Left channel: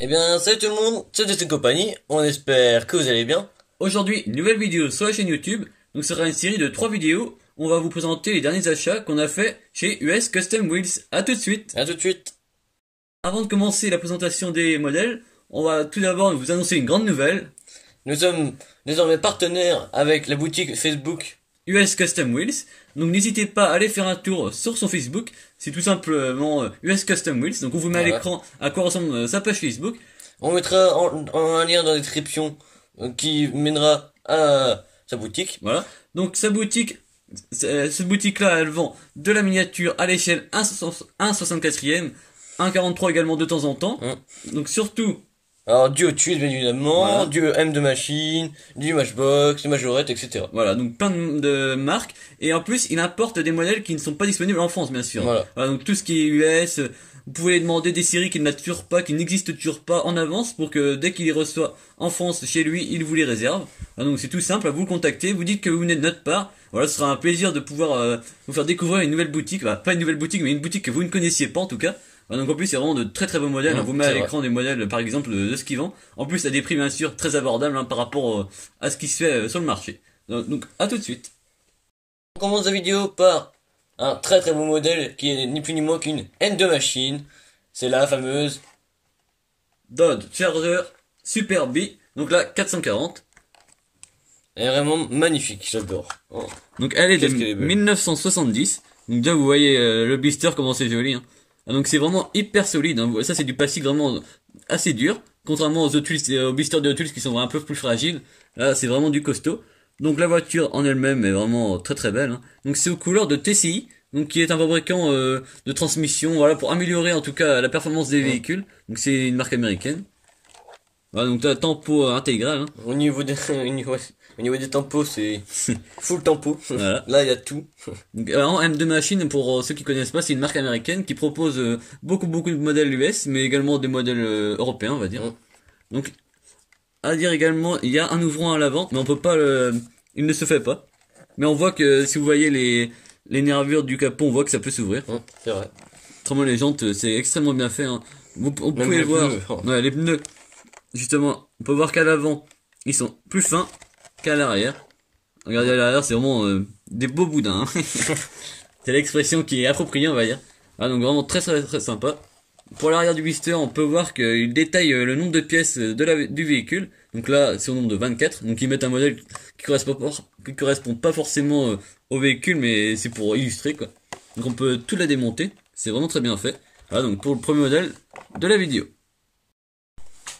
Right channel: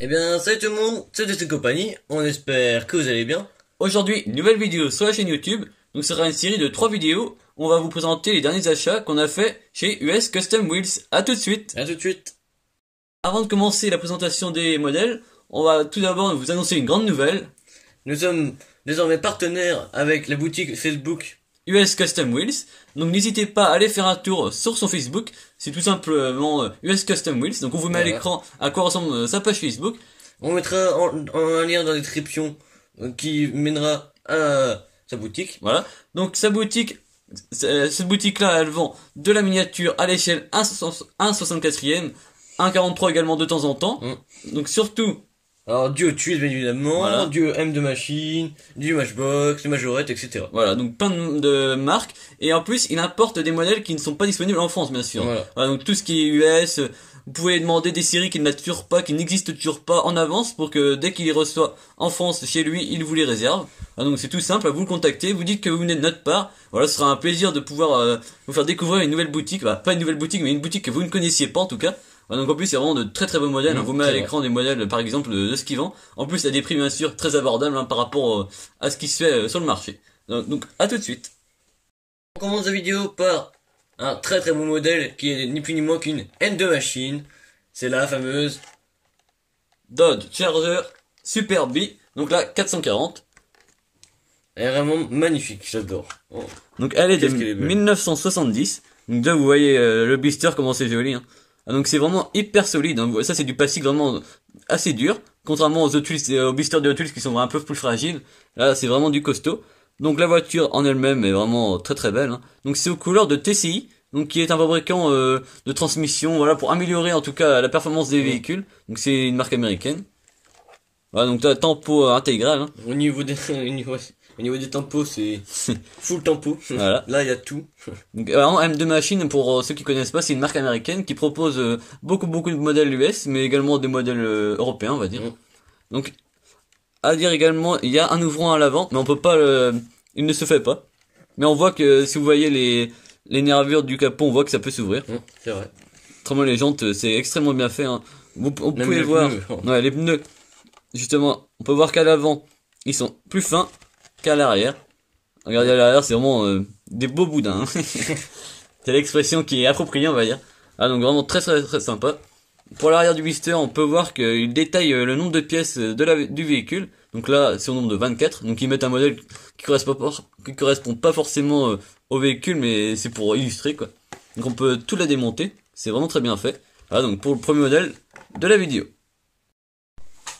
Eh bien, salut tout le monde, c'est de cette compagnie, on espère que vous allez bien. Aujourd'hui, nouvelle vidéo sur la chaîne YouTube. Donc, ce sera une série de 3 vidéos où on va vous présenter les derniers achats qu'on a fait chez US Custom Wheels. À tout de suite. À tout de suite. Avant de commencer la présentation des modèles, on va tout d'abord vous annoncer une grande nouvelle. Nous sommes désormais partenaires avec la boutique Facebook US Custom Wheels. Donc, n'hésitez pas à aller faire un tour sur son Facebook. C'est tout simplement US Custom Wheels. Donc, on vous met à l'écran à quoi ressemble sa page Facebook. On mettra un lien dans la description qui mènera à sa boutique. Voilà. Donc, sa boutique, cette boutique-là, elle vend de la miniature à l'échelle 1/64e, 1/43 également de temps en temps. Donc, surtout, Alors, du Hot Wheels, bien évidemment, voilà. du M2 Machine, du Matchbox, du Majorette, etc. Voilà, donc plein de marques. Et en plus, il importe des modèles qui ne sont pas disponibles en France, bien sûr. Voilà. Donc tout ce qui est US, vous pouvez demander des séries qui n'existent toujours pas en avance pour que dès qu'il les reçoit en France chez lui, il vous les réserve. Donc c'est tout simple, vous le contactez, vous dites que vous venez de notre part. Voilà, ce sera un plaisir de pouvoir vous faire découvrir une nouvelle boutique. Pas une nouvelle boutique, mais une boutique que vous ne connaissiez pas en tout cas. Donc en plus c'est vraiment de très très beaux modèles, vous met à l'écran des modèles par exemple de ce qu'ils vendent. En plus à des prix bien sûr très abordables par rapport à ce qui se fait sur le marché. Donc à tout de suite. On commence la vidéo par un très très beau modèle qui est ni plus ni moins qu'une M2 Machine. C'est la fameuse Dodge Charger Super B, donc là 440. Elle est vraiment magnifique, j'adore. Oh. Donc elle est de Qu'est-ce qu'elle est belle. 1970. Donc là vous voyez le blister comment c'est joli. Donc c'est vraiment hyper solide. Ça c'est du plastique vraiment assez dur. Contrairement aux Hot Wheels, aux blisters de Hot Wheels qui sont un peu plus fragiles. Là c'est vraiment du costaud. Donc la voiture en elle-même est vraiment très très belle. Donc c'est aux couleurs de TCI. Donc qui est un fabricant de transmission. Voilà, pour améliorer en tout cas la performance des véhicules. Donc c'est une marque américaine. Voilà, donc t'as tempo intégral. Au niveau des, au niveau des tempos, c'est full tempo. Voilà. Là, il y a tout. Donc, vraiment, M2 Machine, pour ceux qui connaissent pas, c'est une marque américaine qui propose beaucoup de modèles US, mais également des modèles européens, on va dire. Donc, à dire également, il y a un ouvrant à l'avant, mais on peut pas il ne se fait pas. Mais on voit que si vous voyez les nervures du capot, on voit que ça peut s'ouvrir. C'est vrai. Autrement, les jantes, c'est extrêmement bien fait. Vous Même pouvez les voir. pneus. Ouais, les pneus. Justement, on peut voir qu'à l'avant, ils sont plus fins qu'à l'arrière. Regardez à l'arrière, c'est vraiment des beaux boudins. C'est l'expression qui est appropriée, on va dire. Donc vraiment très sympa. Pour l'arrière du blister, on peut voir qu'il détaille le nombre de pièces du véhicule. Donc là, c'est au nombre de 24. Donc ils mettent un modèle qui correspond pas forcément au véhicule, mais c'est pour illustrer quoi. Donc on peut tout la démonter. C'est vraiment très bien fait. Donc pour le premier modèle de la vidéo.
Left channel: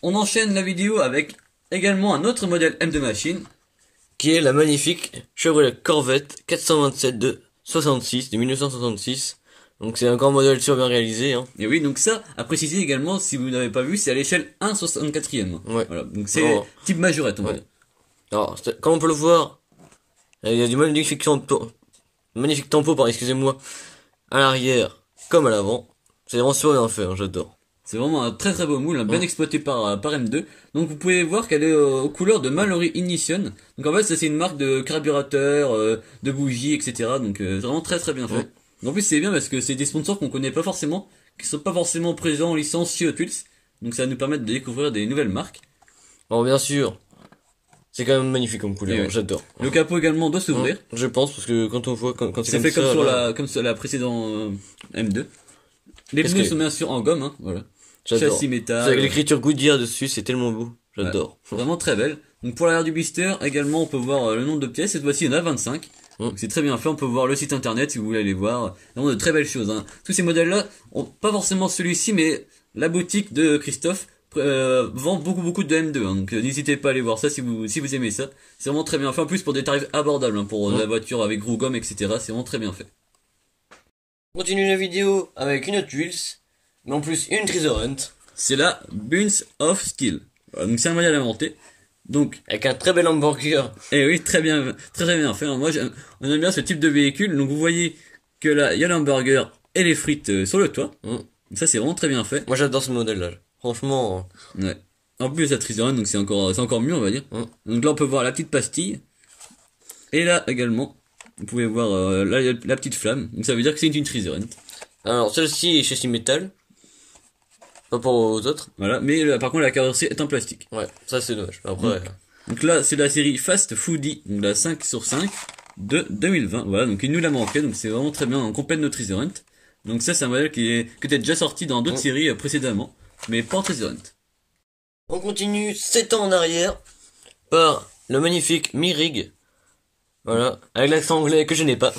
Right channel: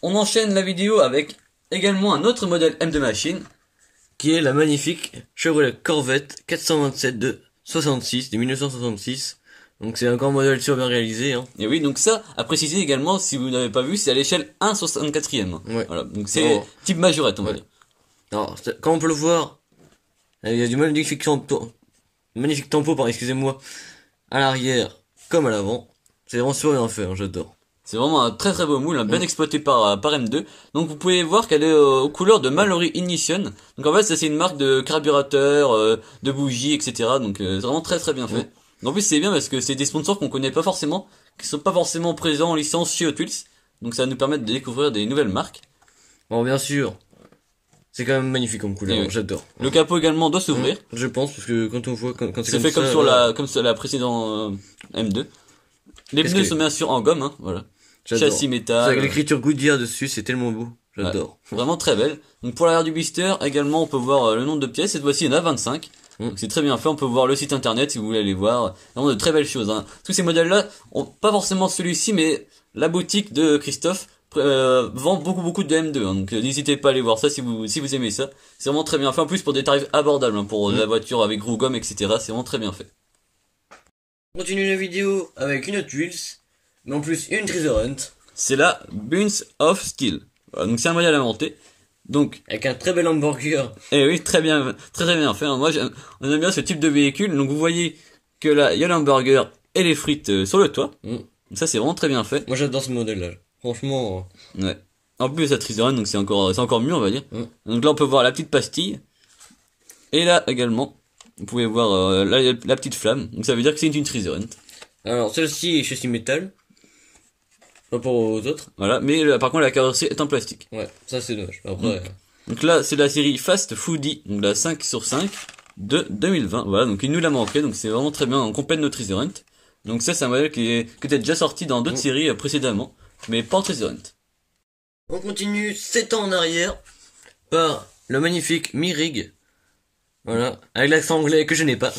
On enchaîne la vidéo avec également un autre modèle M2 Machine. Qui est la magnifique Chevrolet Corvette 427 de 66, de 1966. Donc c'est un grand modèle super bien réalisé. Et oui, donc ça, à préciser également, si vous n'avez pas vu, c'est à l'échelle 1/64e. Ouais. Voilà, donc c'est type majorette, on va dire. Alors, quand on peut le voir, il y a du magnifique tempo, pardon, excusez-moi, à l'arrière comme à l'avant. C'est vraiment super bien fait, j'adore. C'est vraiment un très très beau moule, bien exploité par M2. Donc vous pouvez voir qu'elle est aux couleurs de Mallory Ignition. Donc en fait, ça c'est une marque de carburateur, de bougies, etc. Donc c'est vraiment très très bien fait. En plus c'est bien parce que c'est des sponsors qu'on connaît pas forcément, qui sont pas forcément présents en licence chez Hot Wheels. Donc ça va nous permettre de découvrir des nouvelles marques. Alors bien sûr, c'est quand même magnifique comme couleur, j'adore. Le capot également doit s'ouvrir. Je pense, parce que quand on voit, quand c'est fait comme sur la précédente M2. Les pneus sont bien sûr en gomme, voilà. Châssis métal. Avec l'écriture Goodyear dessus, c'est tellement beau. J'adore. Vraiment très belle. Donc pour l'arrière du blister, également, on peut voir le nombre de pièces. Cette fois-ci, il y en a 25. Donc c'est très bien fait. On peut voir le site internet si vous voulez aller voir. Vraiment de très belles choses. Tous ces modèles-là, pas forcément celui-ci, mais la boutique de Christophe vend beaucoup de M2. Donc n'hésitez pas à aller voir ça si vous aimez ça. C'est vraiment très bien fait. En plus pour des tarifs abordables pour la voiture avec roue gomme, etc. C'est vraiment très bien fait. On continue la vidéo avec une Hot Wheels, mais en plus une Treasure Hunt. C'est la Buns of Steel. Donc c'est un modèle inventé. Donc avec un très bel hamburger. Et oui, très bien fait. Moi, on aime bien ce type de véhicule. Donc vous voyez que là, il y a l'hamburger et les frites sur le toit. Ça, c'est vraiment très bien fait. Moi, j'adore ce modèle-là. Franchement. Ouais. En plus, la Treasure Hunt, donc c'est encore mieux, on va dire. Donc là, on peut voir la petite pastille. Et là également, vous pouvez voir là, la petite flamme. Donc ça veut dire que c'est une Treasure Hunt. Alors, celle-ci est châssis métal. par rapport aux autres. Voilà, mais par contre la carrosserie est en plastique. Ouais, ça c'est dommage. Après, Donc là, c'est la série Fast Foodie, donc la 5/5 de 2020. Voilà, donc il nous l'a manqué, donc c'est vraiment très bien, on complète notre Treasure Hunt. Donc ça, c'est un modèle qui était déjà sorti dans d'autres séries précédemment, mais pas en Treasure Hunt. on continue 7 ans en arrière par le magnifique Mirig. Voilà, avec l'accent anglais que je n'ai pas.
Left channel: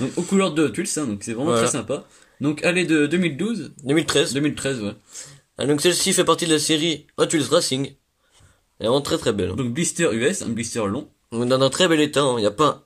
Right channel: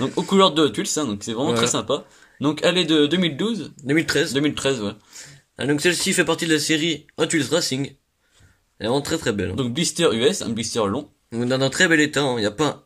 Donc aux couleurs de Hot Wheels, hein, donc c'est vraiment très sympa. Donc elle est de 2012. 2013. 2013, ouais. Ah, donc celle-ci fait partie de la série Hot Wheels Racing. Elle est vraiment très très belle. Donc blister US, un blister long. Donc, dans un très bel état, il y a pas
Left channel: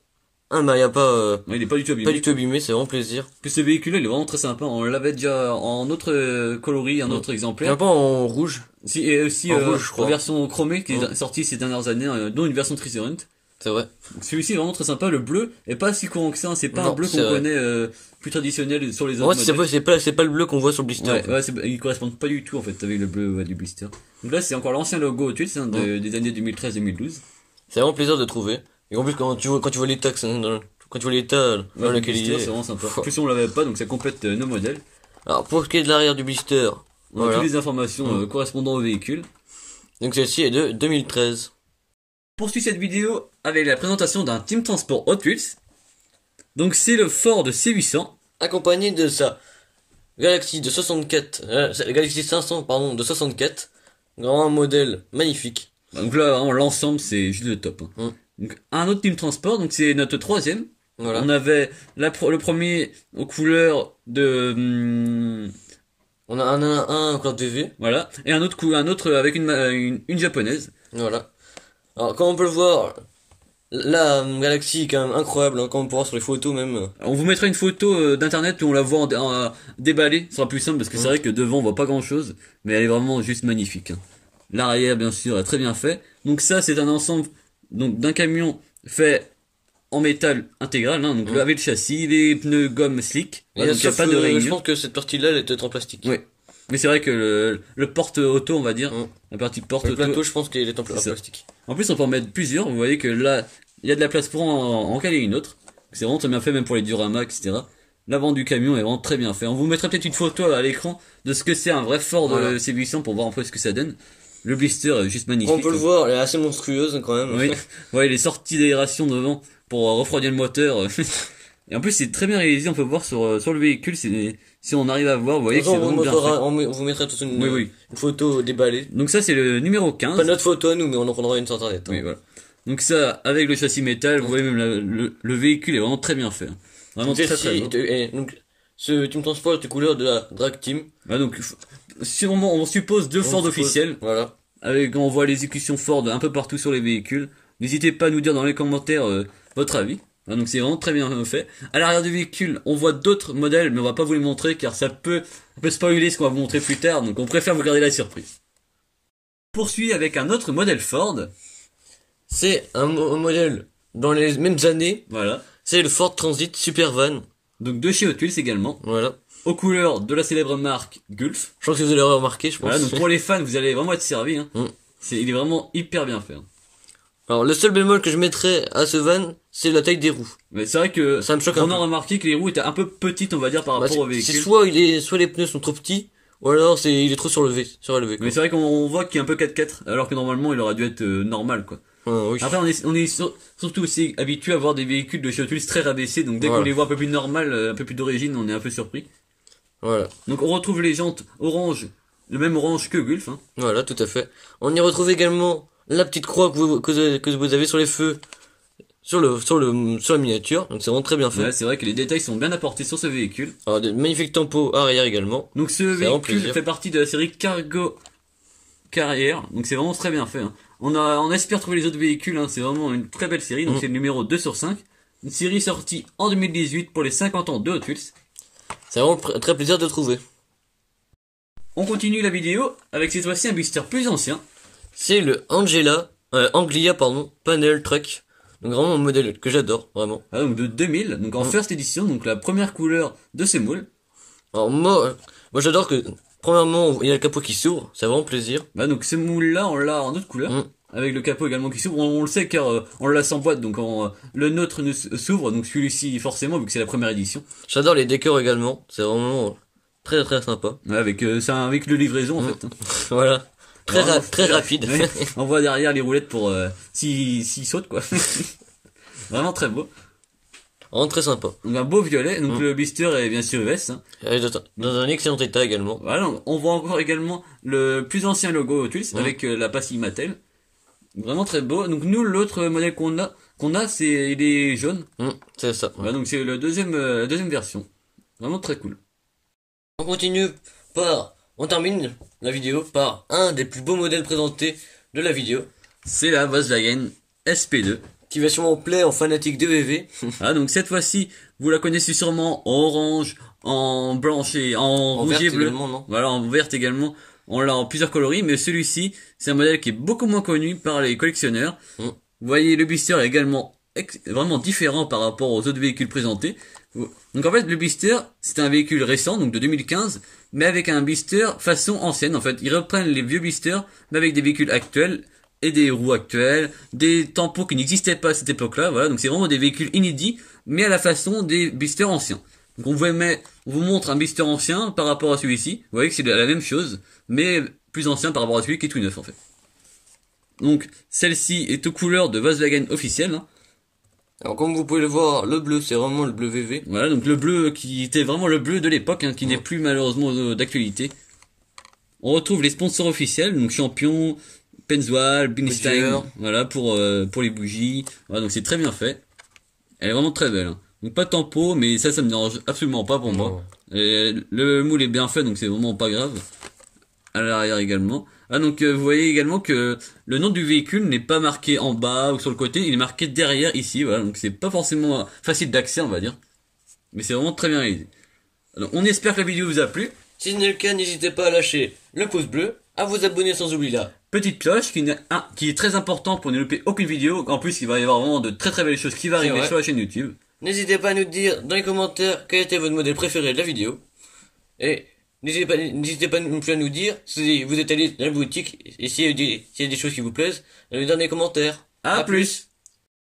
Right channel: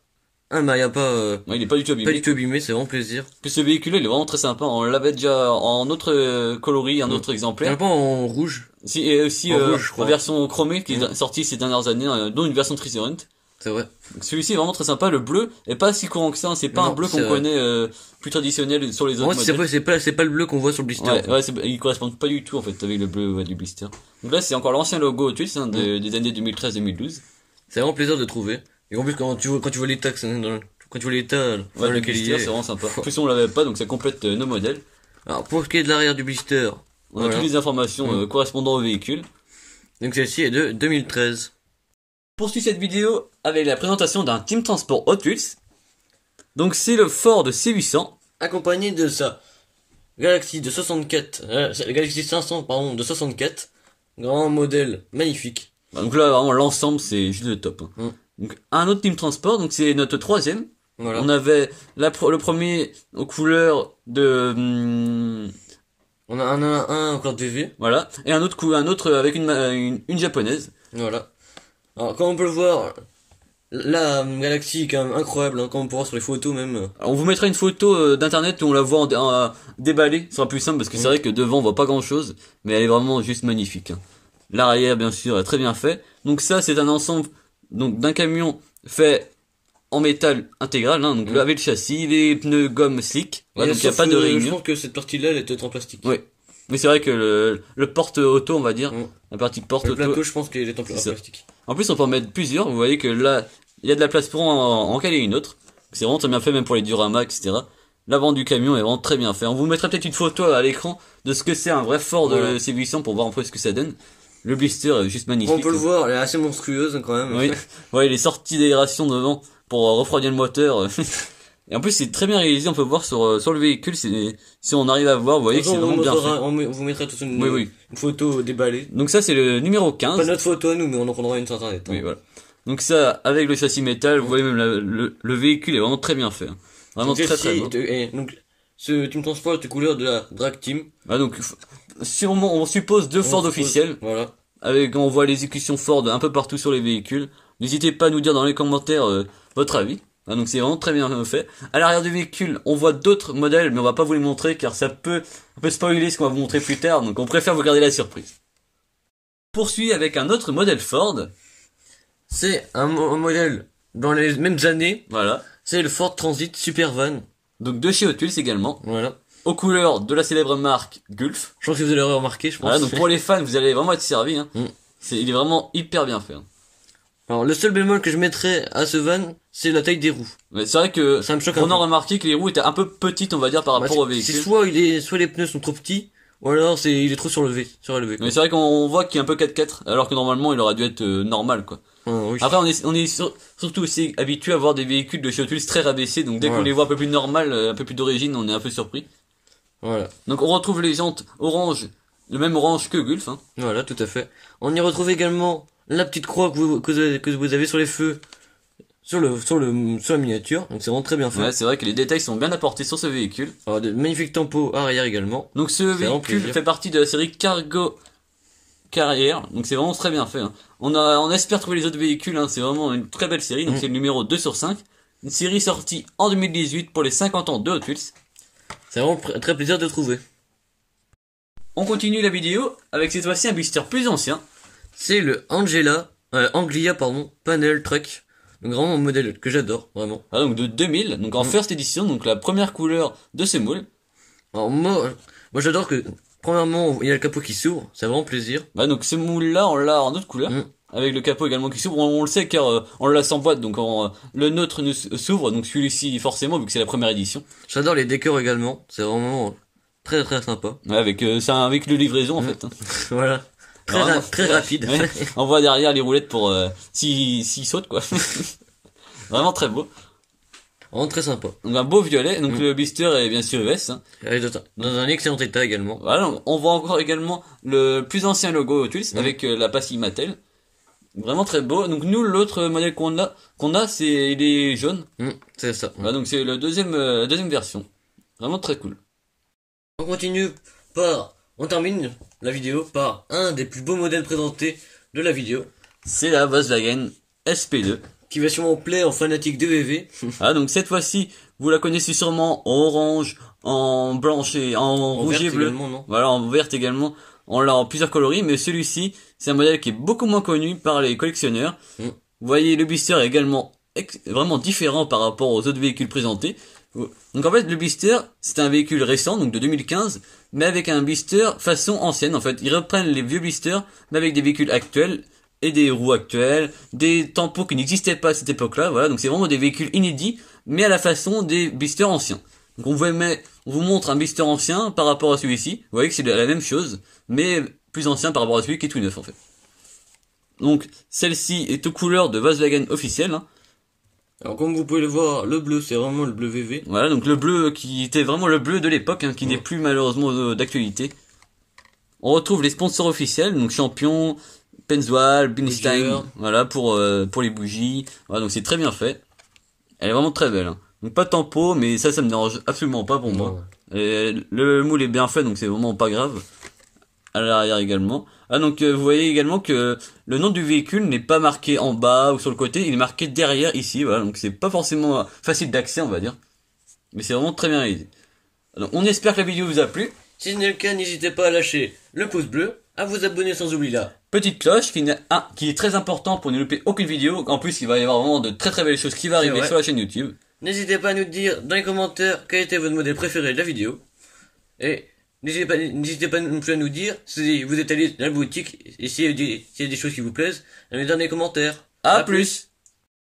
il y a pas Ouais, il est pas du tout abîmé. pas du tout abîmé, c'est vraiment plaisir. Puis ce véhicule, il est vraiment très sympa. On l'avait déjà en autre coloris, un autre Il y exemplaire. a pas en rouge. Si, et aussi En rouge, je crois. en version chromée qui est sortie ces dernières années, dont une version Treasure Hunt. C'est vrai. Donc, celui-ci est vraiment très sympa. Le bleu est pas si courant que ça. C'est pas Non, un bleu c'est qu'on vrai. connaît plus traditionnel sur les autres En fait, modèles. c'est pas le bleu qu'on voit sur le blister. Ouais, il correspond pas du tout en fait avec le bleu du blister. Donc là, c'est encore l'ancien logo Hot Wheels hein, des années 2013-2012. C'est vraiment plaisir de trouver. Et en plus, quand tu vois l'état quand tu vois l'état dans Ouais, lequel il blister, est. c'est vraiment sympa. En plus, on l'avait pas, donc ça complète nos modèles. Alors, pour ce qui est de l'arrière du blister, On a voilà. toutes les informations correspondant au véhicule. Donc celle-ci est de 2013. Poursuit cette vidéo avec la présentation d'un Team Transport Hot Wheels. Donc c'est le Ford C800. Accompagné de sa Galaxy de 64, Galaxy 500, pardon, de 64. Grand modèle magnifique. Donc là vraiment l'ensemble c'est juste le top. Hein. Donc un autre Team Transport, donc c'est notre troisième. Voilà. On avait le premier aux couleurs de On a un encore DV. voilà et un autre avec une japonaise. Voilà. Alors, comme on peut le voir, la Galaxy est quand même incroyable, hein, comme on peut voir sur les photos même. On vous mettra une photo d'internet où on la voit déballée, ce sera plus simple parce que c'est vrai que devant on voit pas grand chose, mais elle est vraiment juste magnifique. Hein. L'arrière bien sûr est très bien fait. Donc ça c'est un ensemble donc d'un camion fait en métal intégral, hein, donc avec le châssis, les pneus gomme slick, Et donc il n'y a pas de je rainure. pense que cette partie-là, elle est peut-être en plastique. Oui. Mais c'est vrai que le porte auto, on va dire, la partie porte Le auto. plateau, je pense qu'il est en C'est ça. plastique. En plus, on peut en mettre plusieurs. Vous voyez que là, il y a de la place pour en caler une autre. C'est vraiment très bien fait, même pour les dioramas, etc. L'avant du camion est vraiment très bien fait. On vous mettra peut-être une photo à l'écran de ce que c'est un vrai Ford C800 pour voir un peu ce que ça donne. Le blister est juste magnifique. On peut le voir, elle est assez monstrueuse quand même. Oui. Ouais, les sorties d'aération devant pour refroidir le moteur. Et en plus, c'est très bien réalisé. On peut voir sur le véhicule. Si on arrive à voir, vous voyez que c'est vraiment bien fait. On vous mettra toute une photo déballée. Donc ça, c'est le numéro 15. Pas notre photo à nous, mais on en prendra une sur internet. Oui, voilà. Donc ça, avec le châssis métal, vous voyez même le véhicule est vraiment très bien fait. Hein. Vraiment Donc, très très bien. et donc, ce Team Transport est de couleur de la Drag Team. Ah, donc, si on suppose deux Ford officiels, Voilà. avec, on voit les exécutions Ford un peu partout sur les véhicules. N'hésitez pas à nous dire dans les commentaires votre avis. Ah, donc c'est vraiment très bien fait. À l'arrière du véhicule, on voit d'autres modèles, mais on va pas vous les montrer car ça peut spoiler ce qu'on va vous montrer plus tard, donc on préfère vous garder la surprise. Poursuit avec un autre modèle Ford. C'est un modèle dans les mêmes années. Voilà. C'est le Ford Transit Supervan. Donc de chez Hot Wheels également. Voilà. Aux couleurs de la célèbre marque Gulf. Je pense que vous allez remarquer, je pense. Voilà, donc pour les fans, vous allez vraiment être servis. Hein. Mm. Il est vraiment hyper bien fait. Hein. Alors, le seul bémol que je mettrais à ce van, c'est la taille des roues. Mais c'est vrai que Ça me choque on un peu. a remarqué que les roues étaient un peu petites, on va dire, par rapport au C'est véhicule. soit les pneus sont trop petits, ou alors il est trop surélevé. Mais c'est vrai qu'on voit qu'il est un peu 4x4, alors que normalement il aurait dû être normal, quoi. Oui. Après, on est surtout aussi habitué à voir des véhicules de chez Hot Wheels très rabaissés, donc dès qu'on les voit un peu plus normal, un peu plus d'origine, on est un peu surpris. Voilà. Donc on retrouve les jantes orange, le même orange que Gulf. Hein. Voilà, tout à fait. On y retrouve également la petite croix que vous avez sur les feux, sur la miniature. Donc c'est vraiment très bien fait. Ouais, c'est vrai que les détails sont bien apportés sur ce véhicule. Alors, de magnifiques tampons arrière également. Donc ce véhicule fait partie de la série Cargo Carrière, donc c'est vraiment très bien fait. Hein. On espère trouver les autres véhicules, hein. C'est vraiment une très belle série, donc c'est le numéro 2/5. Une série sortie en 2018 pour les 50 ans de Hot Wheels. C'est vraiment très plaisir de trouver. On continue la vidéo avec cette fois-ci un blister plus ancien. C'est le Anglia Panel Truck. Donc vraiment un modèle que j'adore, vraiment. Ah, donc de 2000, donc en first edition, donc la première couleur de ce moule. Alors moi j'adore que, premièrement, il y a le capot qui s'ouvre, c'est vraiment plaisir. Ah, donc ce moule-là, on l'a en autre couleur. Avec le capot également qui s'ouvre, on le sait car on l'a sans boîte, donc le nôtre s'ouvre, donc celui-ci forcément vu que c'est la première édition. J'adore les décors également, c'est vraiment Très très sympa. Ouais, avec, c'est un véhicule de livraison, en fait. Voilà. Très rapide. Ouais. On voit derrière les roulettes pour, s'il saute, quoi. Vraiment très beau. Vraiment très sympa. Donc un beau violet, donc le blister est bien sûr US. Hein. Dans un excellent état également. Voilà, on voit encore également le plus ancien logo Hot Wheels avec la pastille Mattel. Vraiment très beau. Donc nous, l'autre modèle qu'on a, c'est il est jaune. C'est ça. Voilà, donc c'est la deuxième version. Vraiment très cool. On termine la vidéo par un des plus beaux modèles présentés de la vidéo. C'est la Volkswagen SP2. Qui va sûrement plaire aux fanatiques de VV. Ah, donc cette fois-ci, vous la connaissez sûrement en orange, en blanche et en rouge et bleu. Voilà, en verte également. On l'a en plusieurs coloris, mais celui-ci, c'est un modèle qui est beaucoup moins connu par les collectionneurs. Vous voyez, le blister est également vraiment différent par rapport aux autres véhicules présentés. Donc en fait, le blister, c'est un véhicule récent, donc de 2015, mais avec un blister façon ancienne. En fait, ils reprennent les vieux blisters, mais avec des véhicules actuels et des roues actuelles, des tampons qui n'existaient pas à cette époque-là. Voilà, donc c'est vraiment des véhicules inédits, mais à la façon des blisters anciens. Donc on vous montre un blister ancien par rapport à celui-ci. Vous voyez que c'est la même chose, mais plus ancien par rapport à celui qui est tout neuf en fait. Donc celle-ci est aux couleurs de Volkswagen officielle. Hein. Alors comme vous pouvez le voir, le bleu c'est vraiment le bleu VV. Voilà, donc le bleu qui était vraiment le bleu de l'époque, hein, qui n'est plus malheureusement d'actualité. On retrouve les sponsors officiels, donc Champion, Pennzoil, Binstein, voilà pour les bougies. Voilà, donc c'est très bien fait. Elle est vraiment très belle. Hein. Donc pas de tempo, mais ça me dérange absolument pas pour moi. Et le moule est bien fait, donc c'est vraiment pas grave. À l'arrière également. Ah donc vous voyez également que le nom du véhicule n'est pas marqué en bas ou sur le côté, il est marqué derrière ici. Voilà, donc c'est pas forcément facile d'accès, on va dire. Mais c'est vraiment très bien réalisé. Donc on espère que la vidéo vous a plu. Si ce n'est le cas, n'hésitez pas à lâcher le pouce bleu, à vous abonner sans oublier la petite cloche qui est très important pour ne louper aucune vidéo. En plus, il va y avoir vraiment de très très belles choses qui vont arriver sur la chaîne YouTube. N'hésitez pas à nous dire dans les commentaires quel était votre modèle préféré de la vidéo. Et n'hésitez pas non plus à nous dire si vous êtes allé dans la boutique et s'il y a des choses qui vous plaisent, à nous dire dans les commentaires. À plus.